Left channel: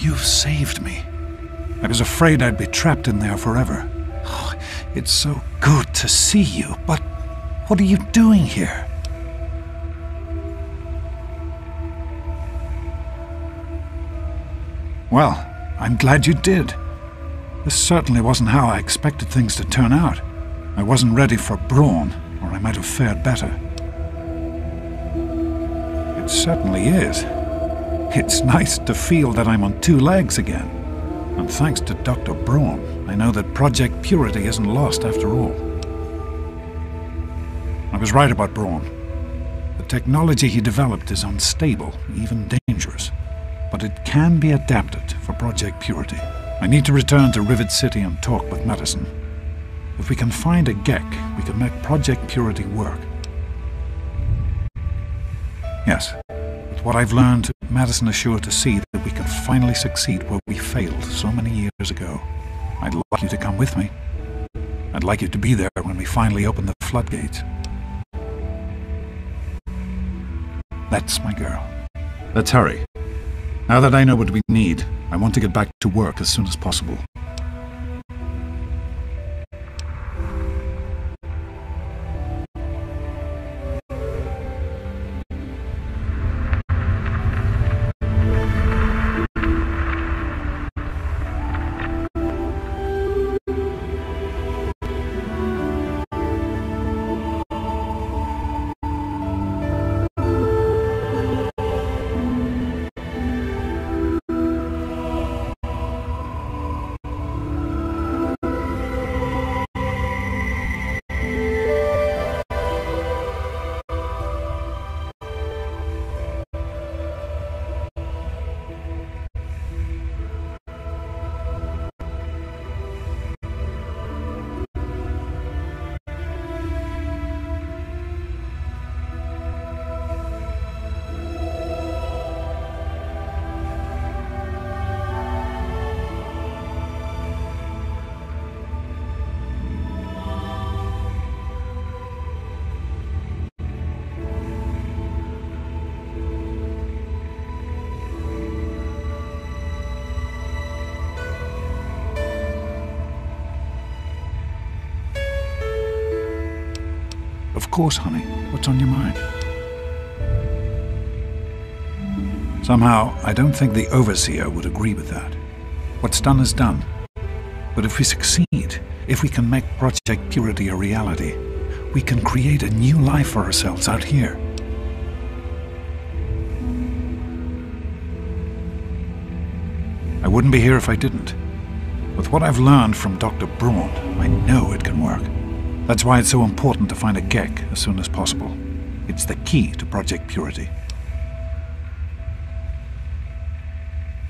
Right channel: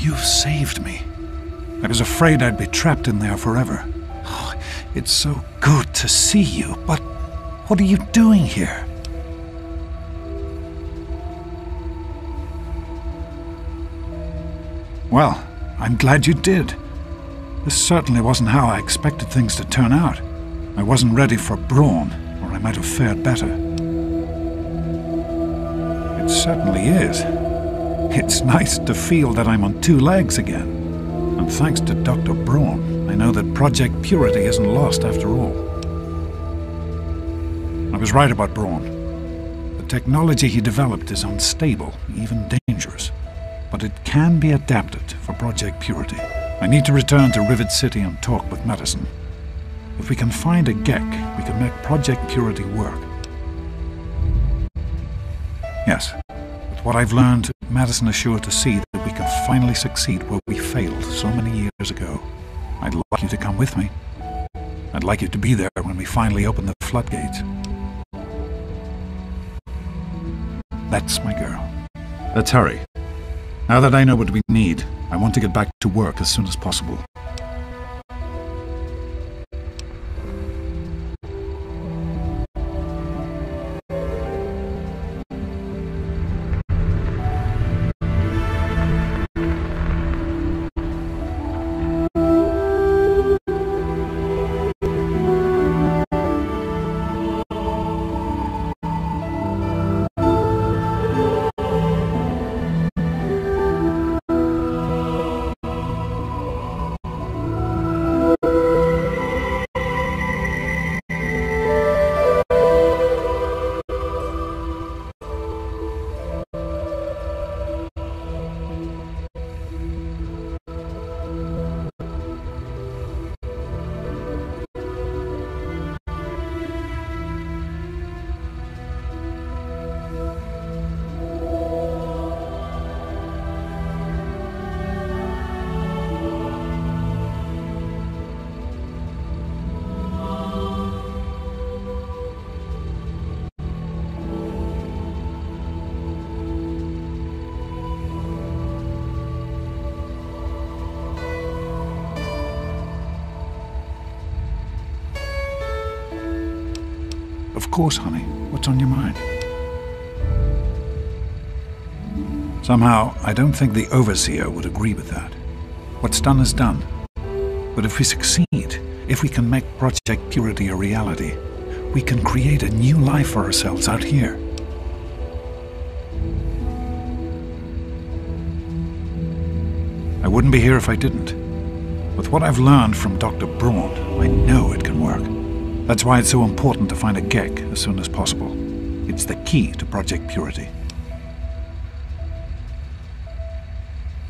You've saved me. I was afraid I'd be trapped in there forever. Oh, it's so good to see you, but what are you doing here? Well, I'm glad you did. This certainly wasn't how I expected things to turn out. I wasn't ready for Braun, or I might have fared better. It certainly is. It's nice to feel that I'm on 2 legs again. And thanks to Dr. Braun, I know that Project Purity isn't lost after all. I was right about Braun. The technology he developed is unstable, even dangerous. But it can be adapted for Project Purity. I need to return to Rivet City and talk with Madison. If we can find a Gek, we can make Project Purity work. Yes, with what I've learned, Madison is sure to see that we can finally succeed where we failed so many years ago. I'd like you to come with me. I'd like you to be there when we finally open the floodgates. That's my girl. Let's hurry. Now that I know what we need, I want to get back to work as soon as possible. Of course, honey. What's on your mind? Somehow, I don't think the Overseer would agree with that. What's done is done. But if we succeed, if we can make Project Purity a reality, we can create a new life for ourselves out here. I wouldn't be here if I didn't. With what I've learned from Dr. Braun, I know it can work. That's why it's so important to find a Gek as soon as possible. It's the key to Project Purity.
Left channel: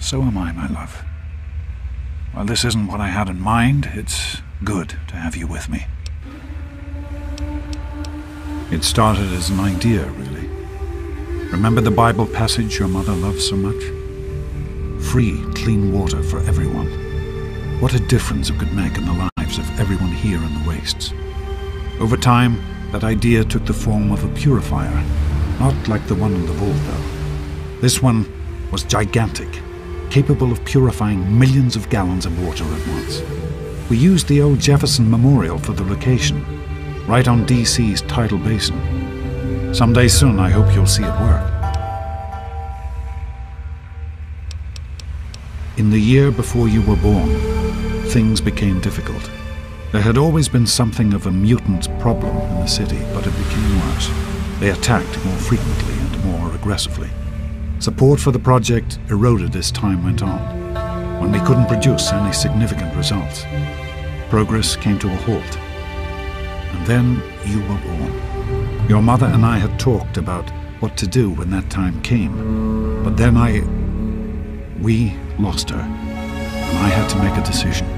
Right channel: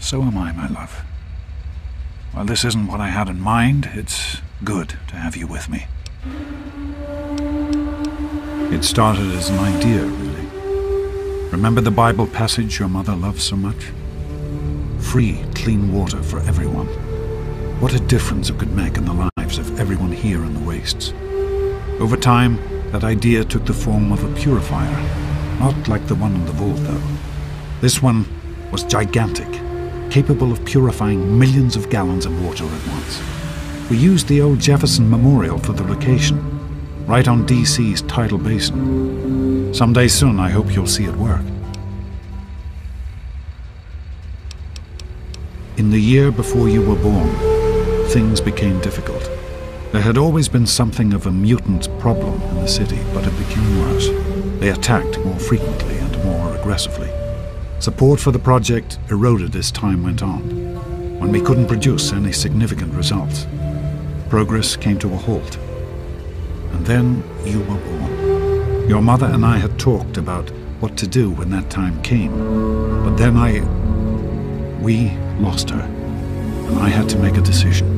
So am I, my love. While this isn't what I had in mind, it's good to have you with me. It started as an idea, really. Remember the Bible passage your mother loves so much? Free, clean water for everyone. What a difference it could make in the lives of everyone here in the wastes. Over time, that idea took the form of a purifier. Not like the one in the vault, though. This one was gigantic, capable of purifying millions of gallons of water at once. We used the old Jefferson Memorial for the location, right on DC's tidal basin. Someday soon, I hope you'll see it work. In the year before you were born, things became difficult. There had always been something of a mutant problem in the city, but it became worse. They attacked more frequently and more aggressively. Support for the project eroded as time went on. When we couldn't produce any significant results, progress came to a halt. And then you were born. Your mother and I had talked about what to do when that time came, but then we lost her, and I had to make a decision.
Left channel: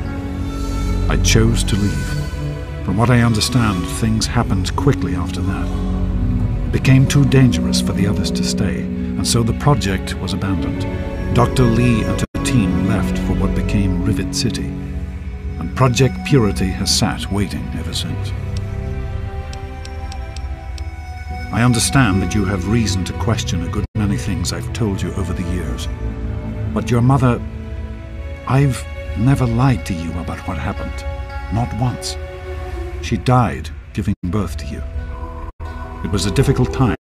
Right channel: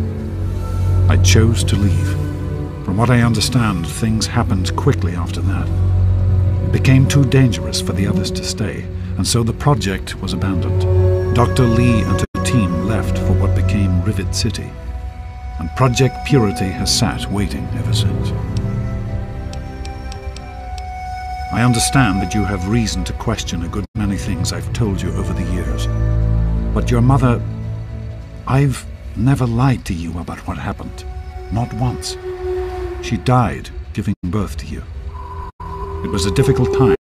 I chose to leave. From what I understand, things happened quickly after that. It became too dangerous for the others to stay, and so the project was abandoned. Dr. Lee and her team left for what became Rivet City, and Project Purity has sat waiting ever since. I understand that you have reason to question a good many things I've told you over the years, but your mother I've never lied to you about what happened. Not once. She died giving birth to you. It was a difficult time.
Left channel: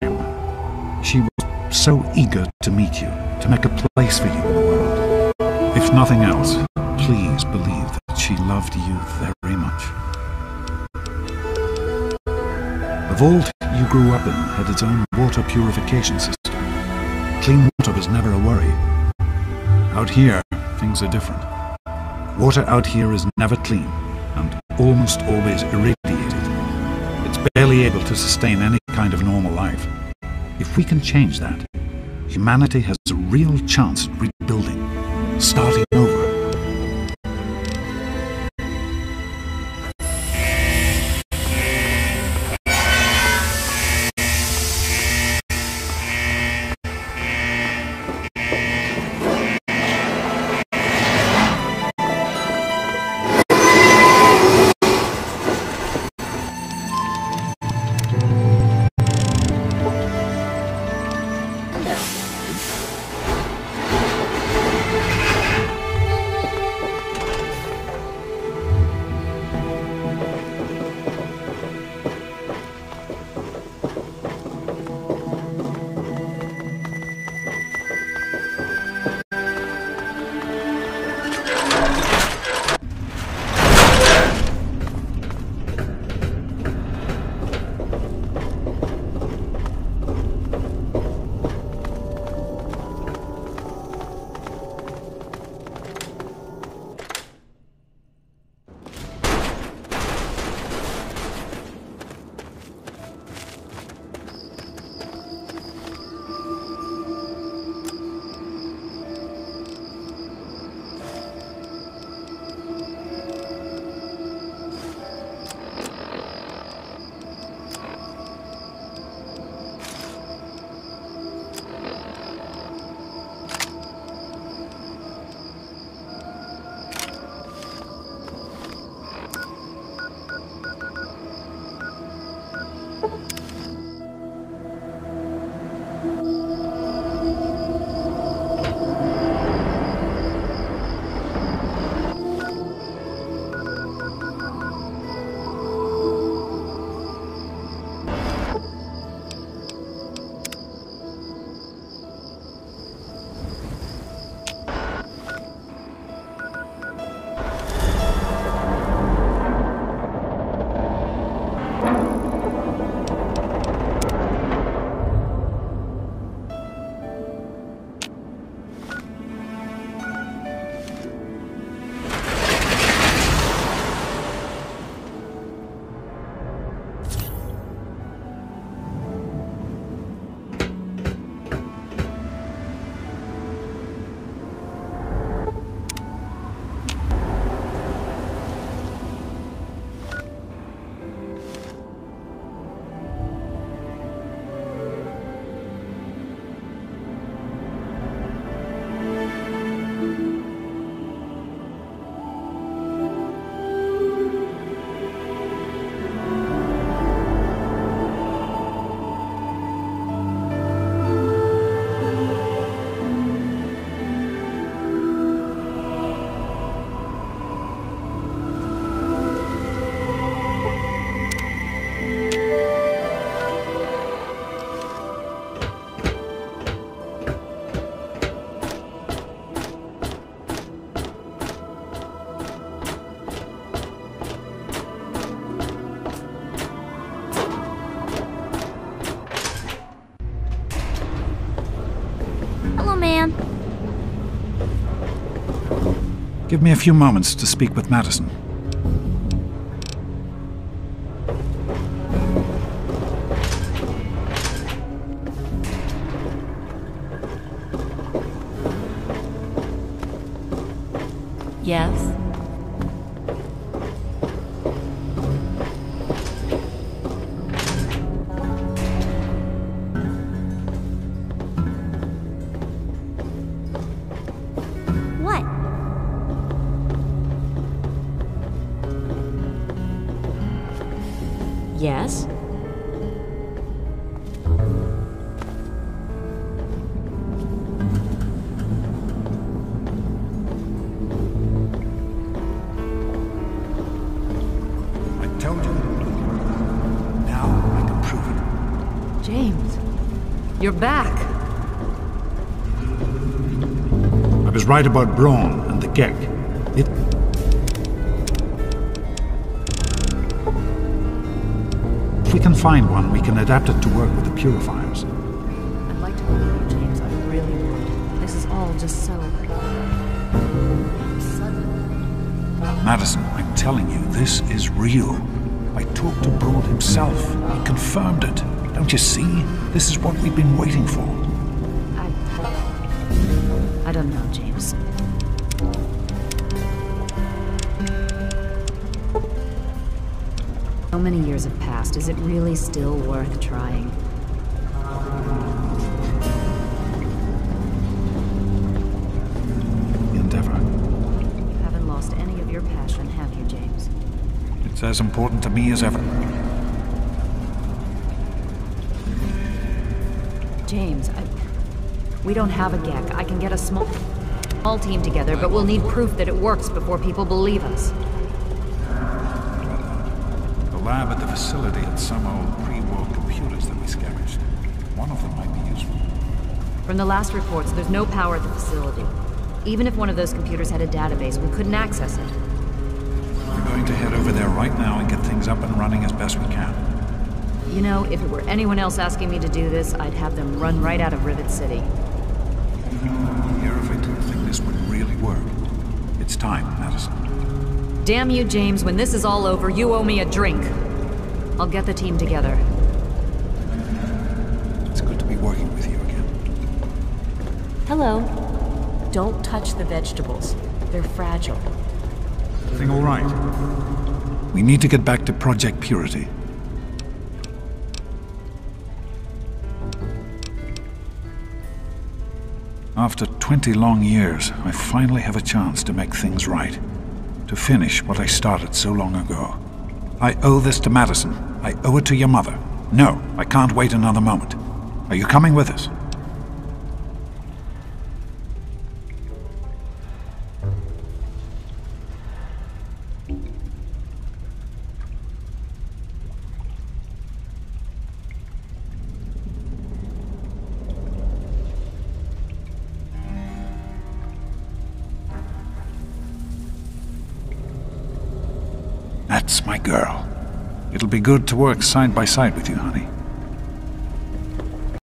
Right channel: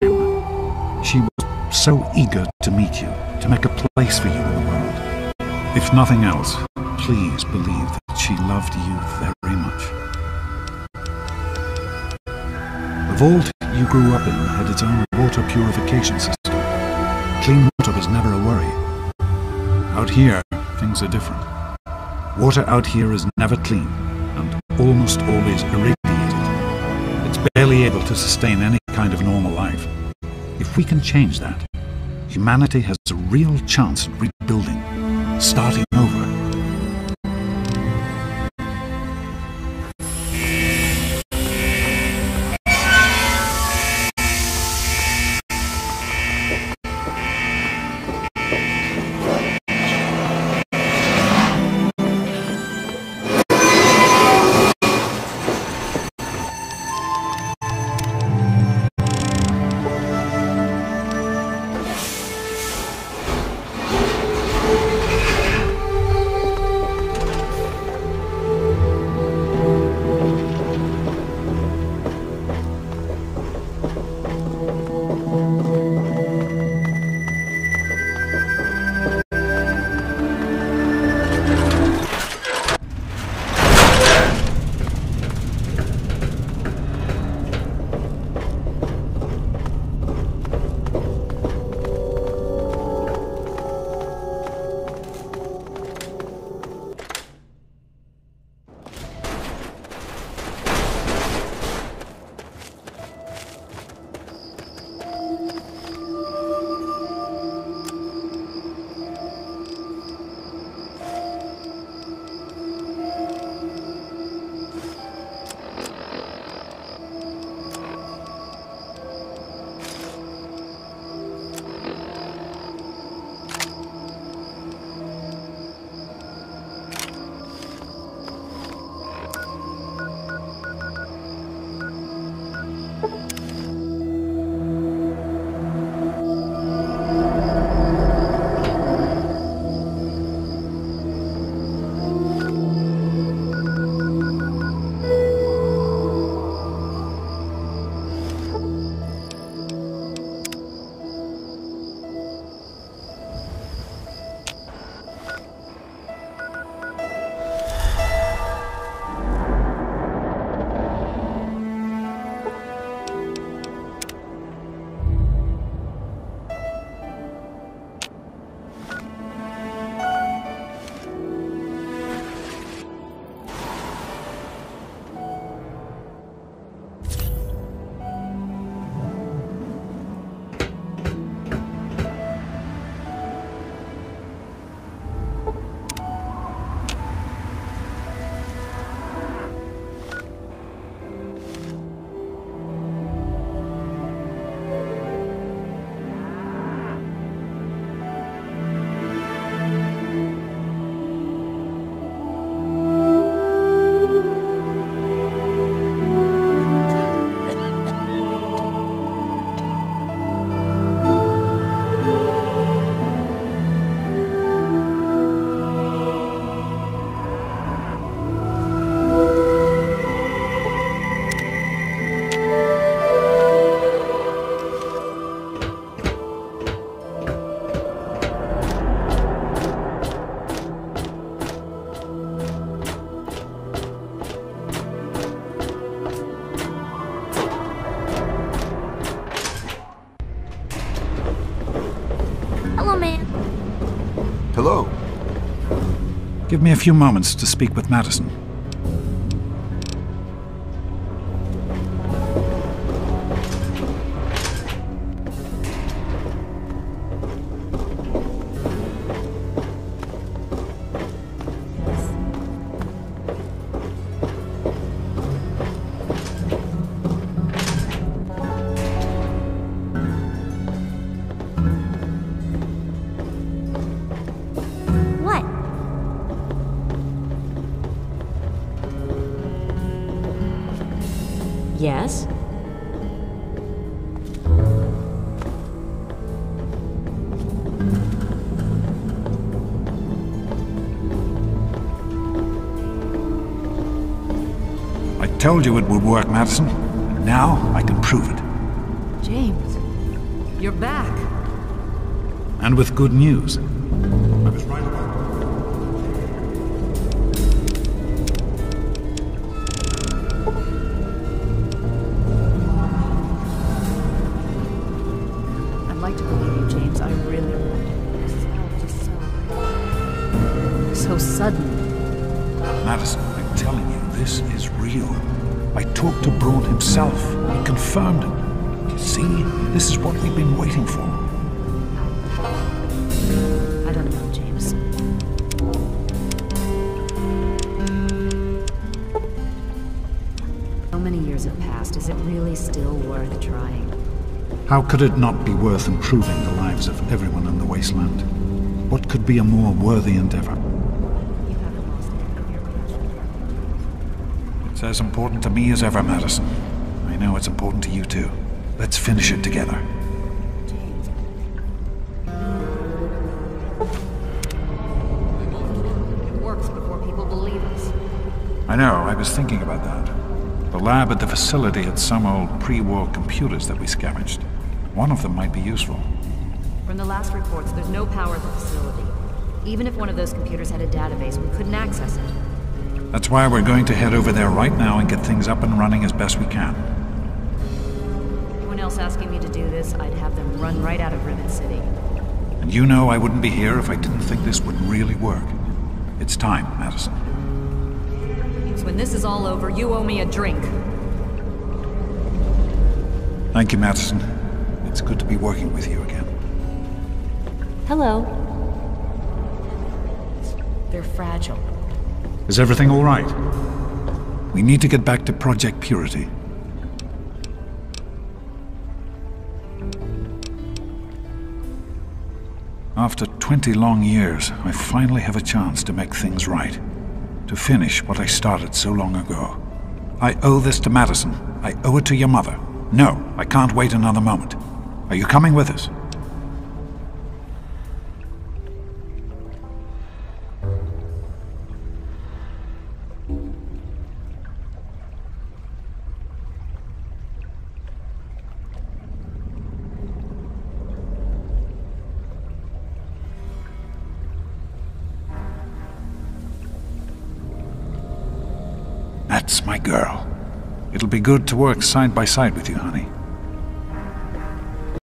She was so eager to meet you, to make a place for you in the world. If nothing else, please believe that she loved you very much. The vault you grew up in had its own water purification system. Clean water was never a worry. Out here, things are different. Water out here is never clean, and almost always irradiated. It's barely able to sustain any kind of normal life. If we can change that, humanity has a real chance at rebuilding, starting over. Hello, ma'am. Hello. Give me a few moments to speak with Madison. Yes. What? Yes. told you it would work, Madison. And now I can prove it. James, you're back. And with good news. I was right about Braun and the Gek. If we can find one, we can adapt it to work with the purifiers. I'd like to believe you, James. I really would. This is all just so sudden. Madison, I'm telling you, this is real. I talked to Braun himself. He confirmed it. Don't you see? This is what we've been waiting for. I don't know, James. So many years have passed. Is it really still worth trying? How could it not be worth improving the lives of everyone in the wasteland? What could be a more worthy endeavor? You haven't lost any of your passion, have you, James? It's as important to me as ever, Madison. I know it's important to you too. Let's finish it together. James, we don't have a Gek. I can get a small team together, but we'll need proof that it works before people believe us. I know, I was thinking about that. The lab at the facility had some old pre-war computers that we scavenged. One of them might be useful. From the last reports, there's no power at the facility. Even if one of those computers had a database, we couldn't access it. That's why we're going to head over there right now and get things up and running as best we can. You know, if it were anyone else asking me to do this, I'd have them run right out of Rivet City. And you know I wouldn't be here if I didn't think this would really work. It's time, Madison. Damn you, James. When this is all over, you owe me a drink. I'll get the team together. Thank you, Madison. It's good to be working with you again. Hello. Don't touch the vegetables. They're fragile. Is everything all right? We need to get back to Project Purity. After 20 long years, I finally have a chance to make things right. To finish what I started so long ago. I owe this to Madison. I owe it to your mother. No, I can't wait another moment. Are you coming with us? That's my girl. It'll be good to work side by side with you, honey.